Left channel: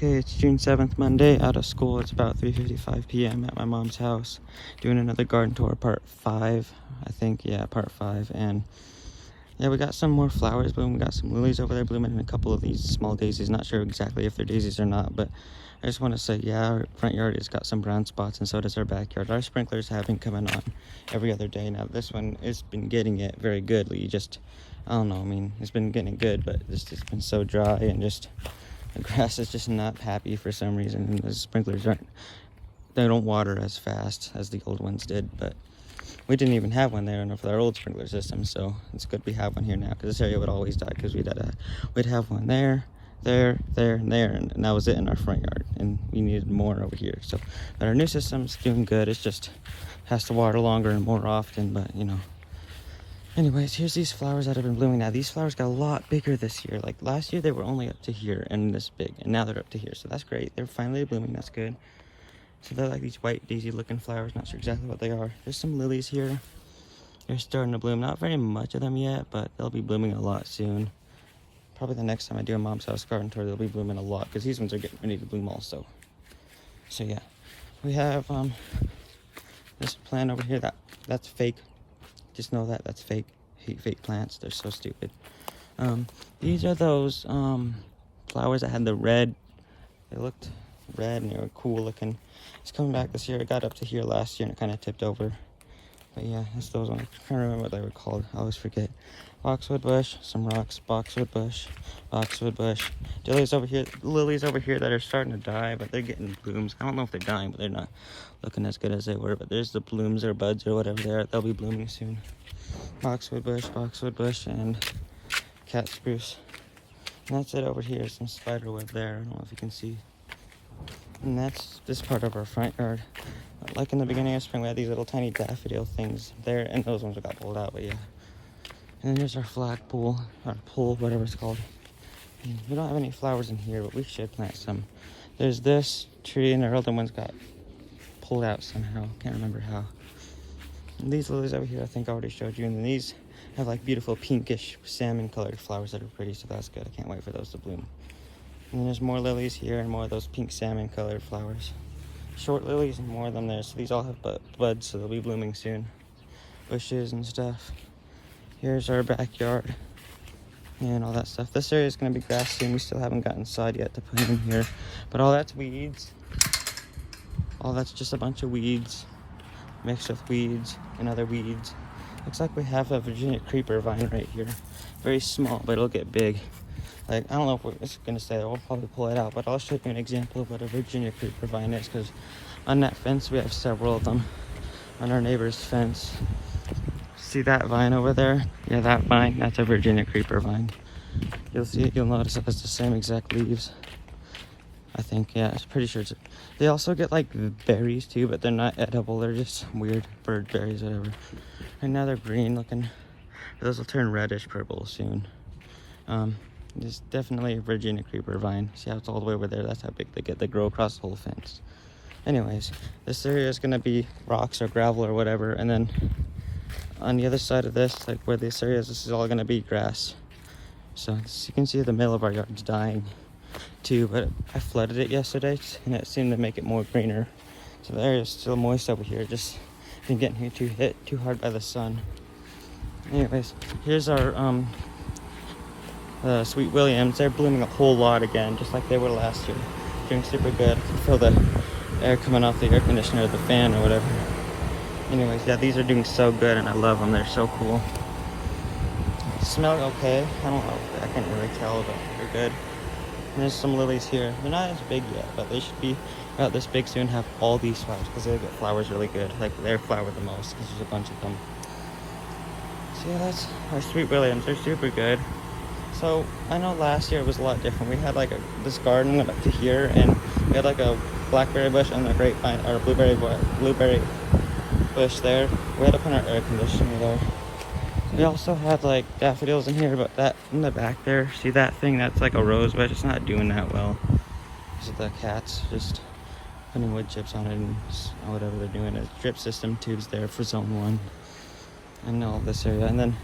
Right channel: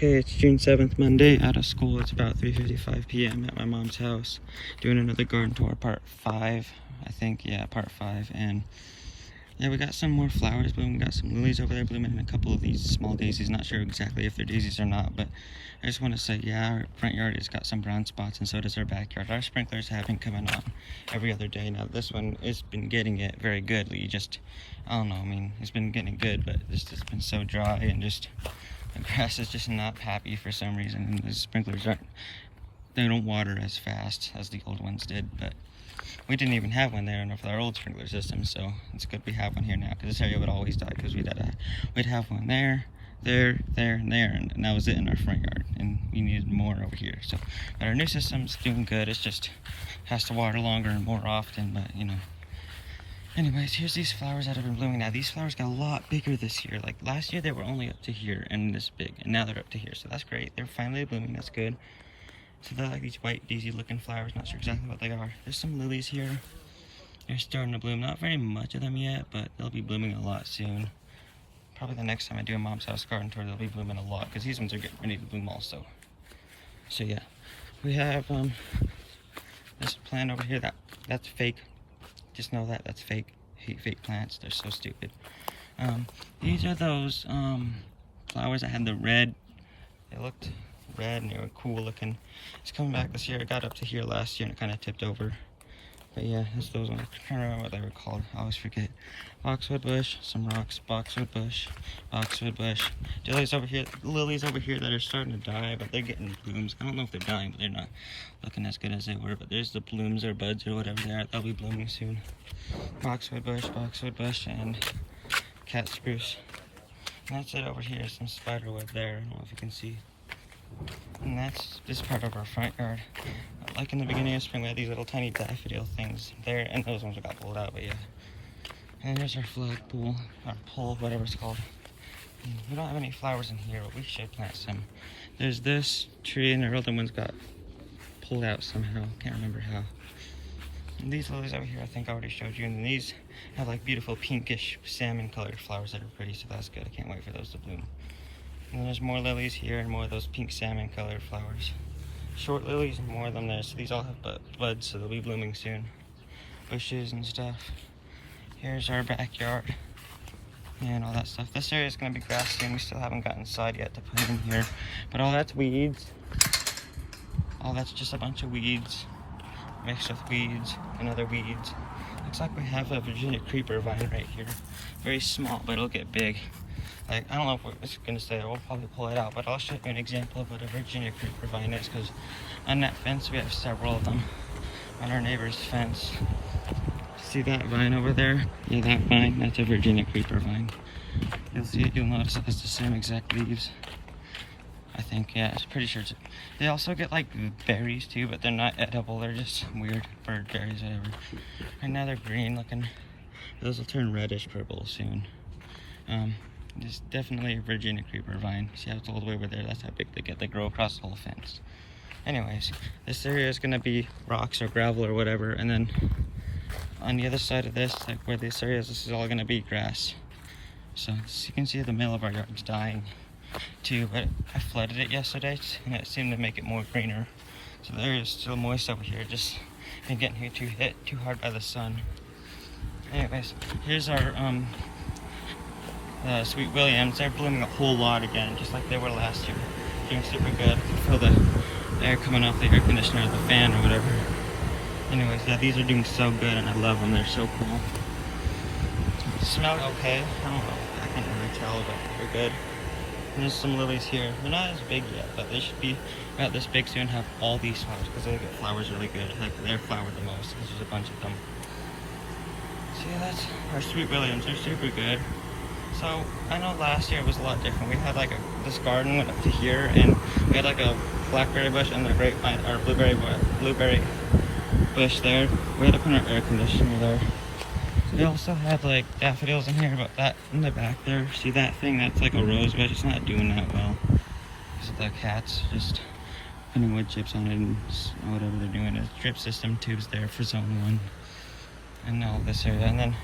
Okay, it's June 7th, Monday, out of school. It's about 3:55 p.m. at my mom's house, doing another garden tour, part 5, I think. Yeah, part 5. And yeah, we got some more flowers blooming. We got some lilies over there blooming and a couple of these small daisies. Not sure exactly if they're daisies or not, but I just want to say, yeah, our front yard has got some brown spots, and so does our backyard. Our sprinklers have been coming on every other day. Now, this one has been getting it very good. You just, I don't know, I mean, it's been getting it good, but it's just been so dry, and just the grass is just not happy for some reason. The sprinklers don't water as fast as the old ones did, but we didn't even have one there with our old sprinkler system, so it's good we have one here now, because this area would always die, because we'd have one there, and there, and that was it in our front yard, and we needed more over here. So, but our new system's doing good. It's just has to water longer and more often, but you know. Anyways, here's these flowers that have been blooming now. These flowers got a lot bigger this year. Like last year they were only up to here and this big, and now they're up to here, so that's great. They're finally blooming. That's good. So they're like these white daisy looking flowers. Not sure exactly what they are. There's some lilies here. They're starting to bloom. Not very much of them yet, but they'll be blooming a lot soon. Probably the next time I do a mom's house garden tour, they'll be blooming a lot, because these ones are getting ready to bloom also. So yeah, we have this plant over here that's fake. Just know that's fake. I hate fake plants. They're so stupid. These are those flowers that had the red. They looked red and they were cool looking. It's coming back this year. It got up to here last year and it kind of tipped over. But yeah, that's those ones. I'm trying to remember what they were called. I always forget. Boxwood bush, some rocks, boxwood bush, lilies over here that are starting to die, but they're getting blooms. I don't know if they're dying, but they're not looking as good as they were. But there's the blooms or buds or whatever they are. They'll be blooming soon. Boxwood bush, and cat spruce. And that's it over here. Some spider web there. I don't know if you can see. And that's this part of our front yard. Like in the beginning of spring, we had these little tiny daffodil things there, and those ones got pulled out, but yeah. And here's our flagpole, or pole, whatever it's called. And we don't have any flowers in here, but we should plant some. There's this tree, and our other ones got pulled out somehow. Can't remember how. And these lilies over here, I think I already showed you. And then these have like beautiful pinkish salmon colored flowers that are pretty, so that's good. I can't wait for those to bloom. And there's more lilies here and more of those pink salmon colored flowers. Short lilies and more of them there. So these all have buds, so they'll be blooming soon. Bushes and stuff. Here's our backyard and all that stuff. This area is going to be grass soon. We still haven't gotten sod yet to put in here. But all that's weeds. All that's just a bunch of weeds mixed with weeds and other weeds. Looks like we have a Virginia creeper vine right here. Very small, but it'll get big. Like, I don't know if it's gonna say, I'll probably pull it out, but I'll show you an example of what a Virginia creeper vine is, because on that fence we have several of them on our neighbor's fence. See that vine over there? Yeah, that vine, that's a Virginia creeper vine. You'll see it, you'll notice it has the same exact leaves. I think, yeah, I'm pretty sure they also get like berries too, but they're not edible, they're just weird bird berries, whatever. Right now they're green looking. Those will turn reddish purple soon. It's definitely a Virginia creeper vine. See how it's all the way over there? That's how big they get. They grow across the whole fence. Anyways, this area is going to be rocks or gravel or whatever. And then on the other side of this, like where this area is, this is all going to be grass. So as you can see, the middle of our yard's dying too. But I flooded it yesterday and it seemed to make it more greener. So the area is still moist over here. Just been getting hit too hard by the sun. Anyways, here's our the Sweet Williams. They're blooming a whole lot again, just like they were last year. Doing super good for the air coming off the air conditioner or the fan or whatever. Anyways, yeah, these are doing so good and I love them. They're so cool. Smell okay. I don't know. I can't really tell, but they're good. And there's some lilies here. They're not as big yet, but they should be about this big soon. Have all these flowers because they get flowers really good. Like they're flowered the most because there's a bunch of them. So yeah, that's our Sweet Williams. They're super good. So I know last year was a lot different. We had like this garden went up to here, and we had like a blackberry bush and a grapevine or blueberry bush there. We had to put our air conditioner there. We also had like daffodils in here, but that in the back there, see that thing? That's like a rose bush. It's not doing that well because of the cats just putting wood chips on it and whatever they're doing. There's drip system tubes there for zone 1. And all this area, and then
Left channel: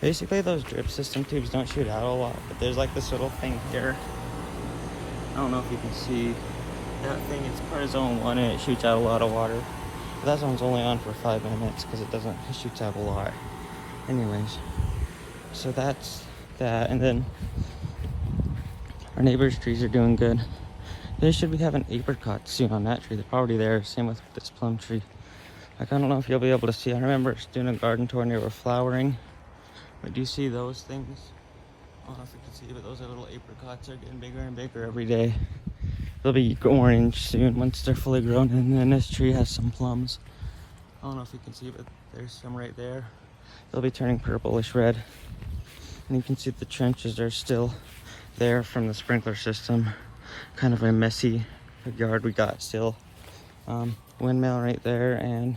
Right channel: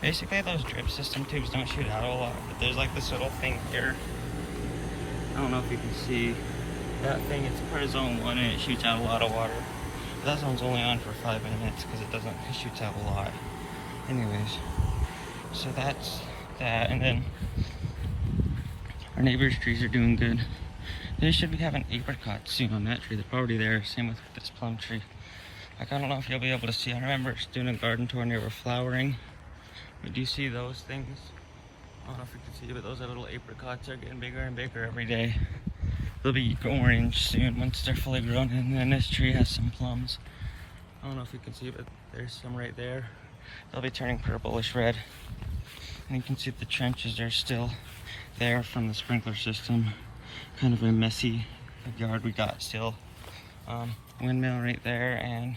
basically those drip system tubes don't shoot out a lot, but there's like this little thing here don't know if you can see that thing. It's part of zone 1 and it shoots out a lot of water. That zone's only on for 5 minutes because it shoots out a lot. Anyways, so that's that. And then our neighbor's trees are doing good. They should be having apricots soon on that tree. They're already there. Same with this plum tree. Like, I don't know if you'll be able to see. I remember doing a garden tour and they were flowering. But do you see those things? I don't know if you can see, but those are little apricots. They're getting bigger and bigger every day. They'll be orange soon once they're fully grown. And then this tree has some plums. I don't know if you can see, but there's some right there. They'll be turning purplish red. And you can see the trenches are still there from the sprinkler system. Kind of a messy yard we got still. Windmill right there, and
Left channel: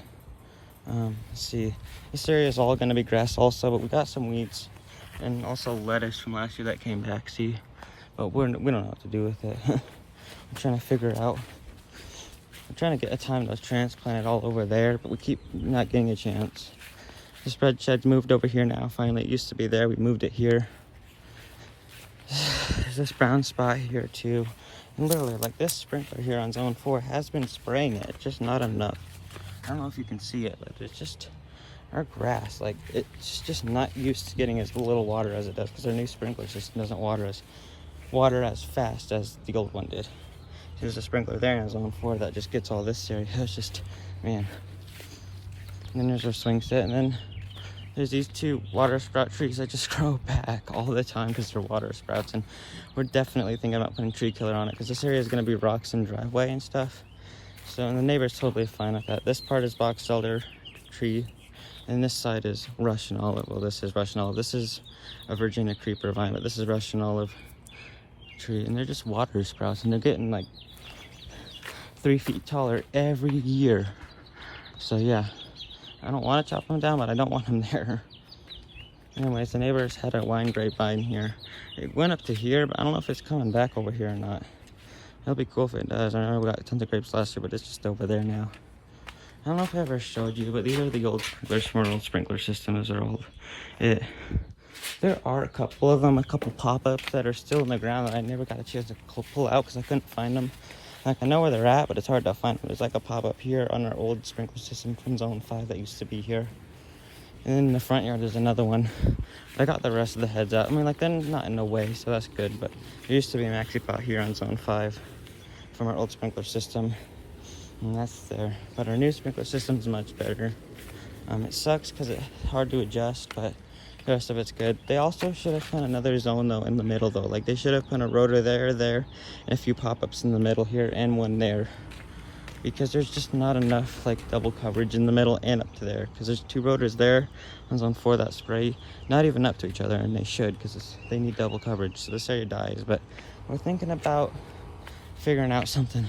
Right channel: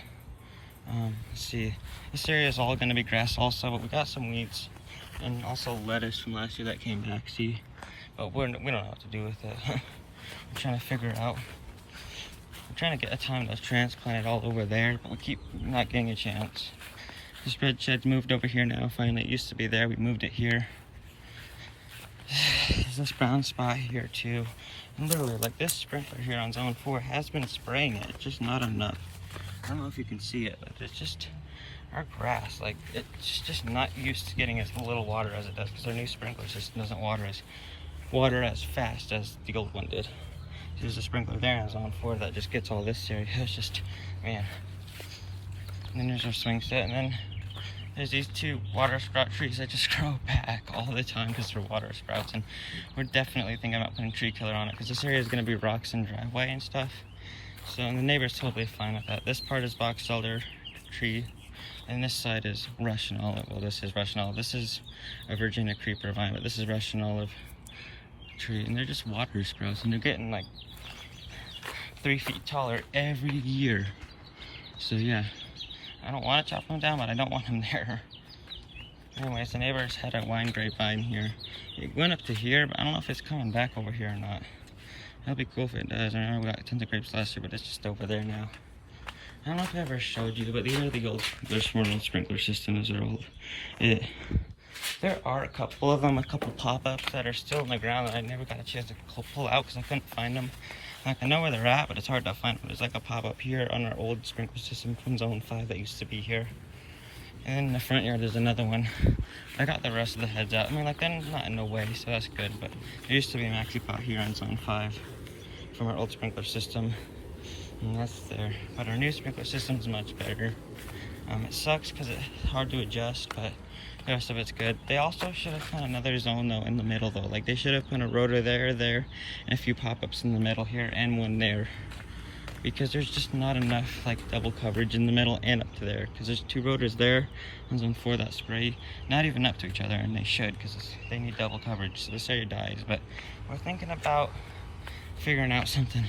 let's see, this area is all going to be grass also, but we got some weeds and also lettuce from last year that came back, see, but we don't know what to do with it. I'm trying to figure out. I'm trying to get a time to transplant it all over there, but we keep not getting a chance. The spread shed's moved over here now. Finally, it used to be there. We moved it here. There's this brown spot here too. And literally, like, this sprinkler here on zone 4 has been spraying it. It's just not enough. I don't know if you can see it, but it's just our grass. Like, it's just not used to getting as little water as it does because our new sprinkler system doesn't water as fast as the old one did. There's a sprinkler there on zone 4 that just gets all this area. It's just, man. And then there's our swing set, and then there's these 2 water sprout trees that just grow back all the time because they're water sprouts, and we're definitely thinking about putting tree killer on it because this area is going to be rocks and driveway and stuff. So, and the neighbor's totally fine with that. This part is box elder tree, and this side is Russian olive. Well, this is Russian olive. This is a Virginia creeper vine, but this is Russian olive tree, and they're just water sprouts, and they're getting like 3 feet taller every year. So yeah. I don't want to chop them down, but I don't want them there. Anyways, the neighbors had a wine grapevine here. It went up to here, but I don't know if it's coming back over here or not. It'll be cool if it does. I remember we got tons of grapes last year, but it's just over there now. I don't know if I ever showed you, but these are the old Smurtle sprinkler systems. They're old. There are a couple of them, a couple pop-ups that are still in the ground that I never got a chance to pull out because I couldn't find them. Like, I know where they're at, but it's hard to find them. There's like a pop-up here on our old sprinkler system from zone 5 that used to be here. And then in the front yard, there's another one. I got the rest of the heads out. I mean, like, they're not in the way, so that's good. But there used to be a maxi pot here on zone 5 from our old sprinkler system. And that's there. But our new sprinkler system is much better. It sucks because it's hard to adjust, but the rest of it's good. They also should have put another zone though in the middle though. Like, they should have put a rotor there, and a few pop-ups in the middle here and one there. Because there's just not enough like double coverage in the middle and up to there. Because there's 2 rotors there, one's on 4 that spray, not even up to each other, and they should because they need double coverage. So this area dies. But we're thinking about figuring out something.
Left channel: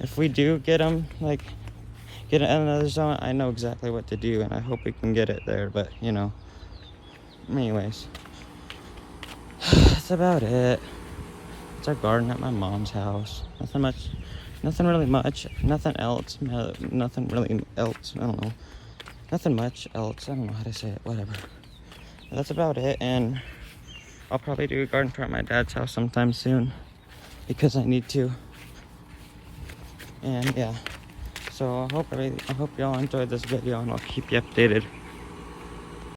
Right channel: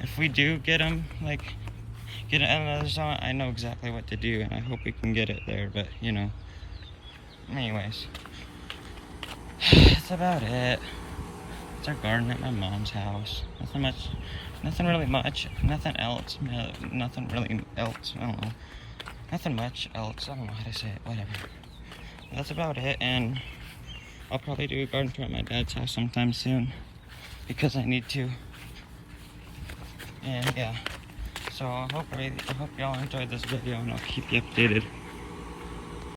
If we do get them, like, get another zone, I know exactly what to do, and I hope we can get it there. But you know. Anyways, that's about it. It's our garden at my mom's house. Nothing really much. Nothing else. I don't know. Nothing much else. I don't know how to say it. Whatever. But that's about it. And I'll probably do a garden tour at my dad's house sometime soon because I need to. And yeah. So I hope y'all enjoyed this video, and I'll keep you updated.